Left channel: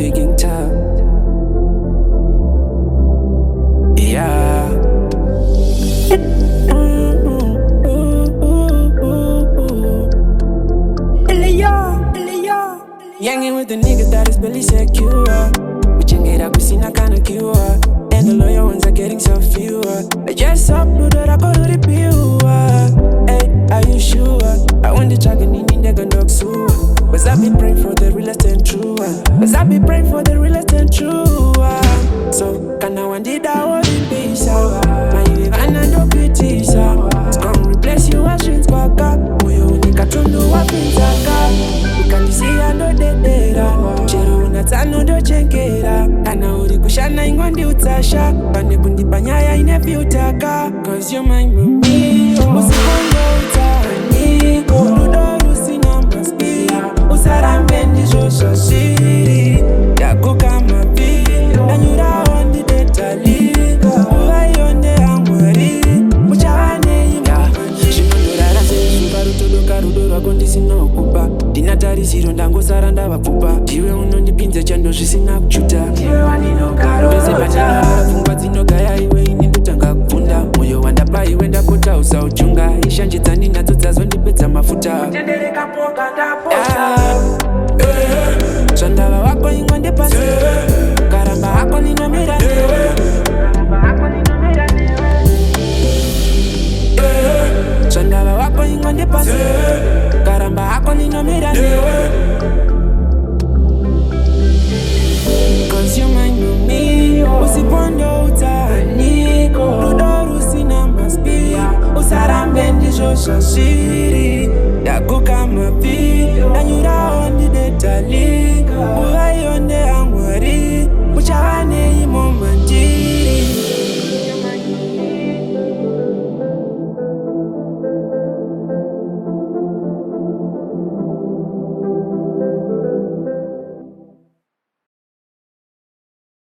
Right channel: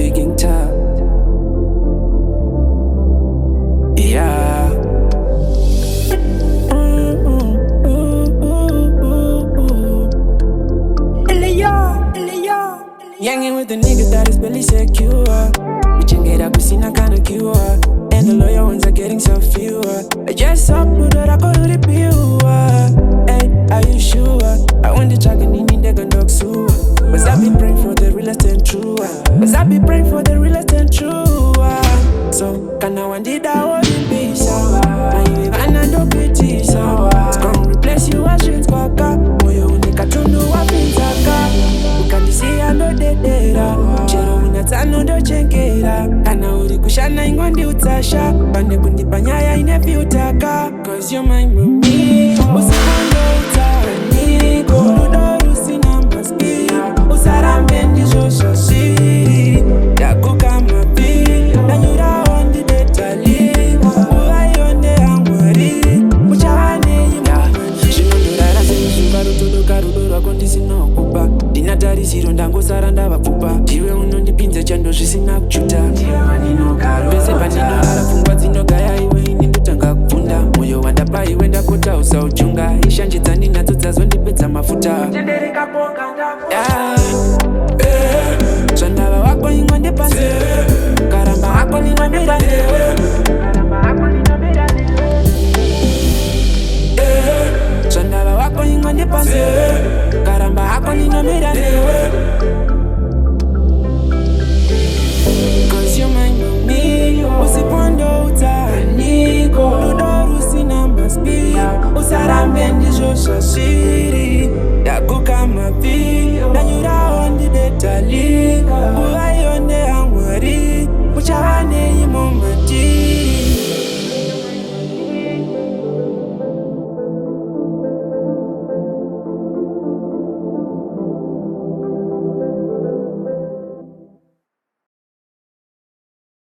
speaking tough. Yeah. Youngin' with the nigga that is barely secure. We can get up, we seen a kind of cure. And the lawyer ones are getting so fewer. I just uploaded, I go to the pure. Hey, are you sure? I want the dragon in the dog sewer. Was I be praying for the realest and true one? Was I be praying for the realest and true one? So, can I want it out in peace? My you and I don't pity, sir. It's gonna replace you as dreams, Quaka. Moyo unika tundu wa pinzaka. Ukandisi ando dedera. Chero unatano do chenkera. Kana uri kushana ingwandi utasha. Pane kundipanyaya inefi utaka. Cause you're my mommy. Usipondo utani. Rudoru sina maski. Usarambe ndizo shashiri. Yaku kama pi. Danyura ondi detali. Uayonde angwari. Muchawane imamani. Shinondorara sezuba rutodoka rudoro akondisi nokupa. Dinatarisiro ndangosara ndavapfupa. Iwe unondipinze chando zvisina kuchuta. Pese pandinorara pfungwa dzinogaya iwe ini ndotanga kubvunda. Moyo wandapa iwe ndapota usauchunga. Ishanjidza ndinadzo dzazondipedza mafuta. Zvandava wako ingwa ndepanze. Karamba hako ninomira newe. Zvandava wako ingwa ndepanze. Karamba hako ninomira newe. Cause you're my mommy. Usipondo utani. Rudoru sina maspi. Usarambe ndizo shashiri. Yaku kama pi. Danyura ondi detali. Uayonde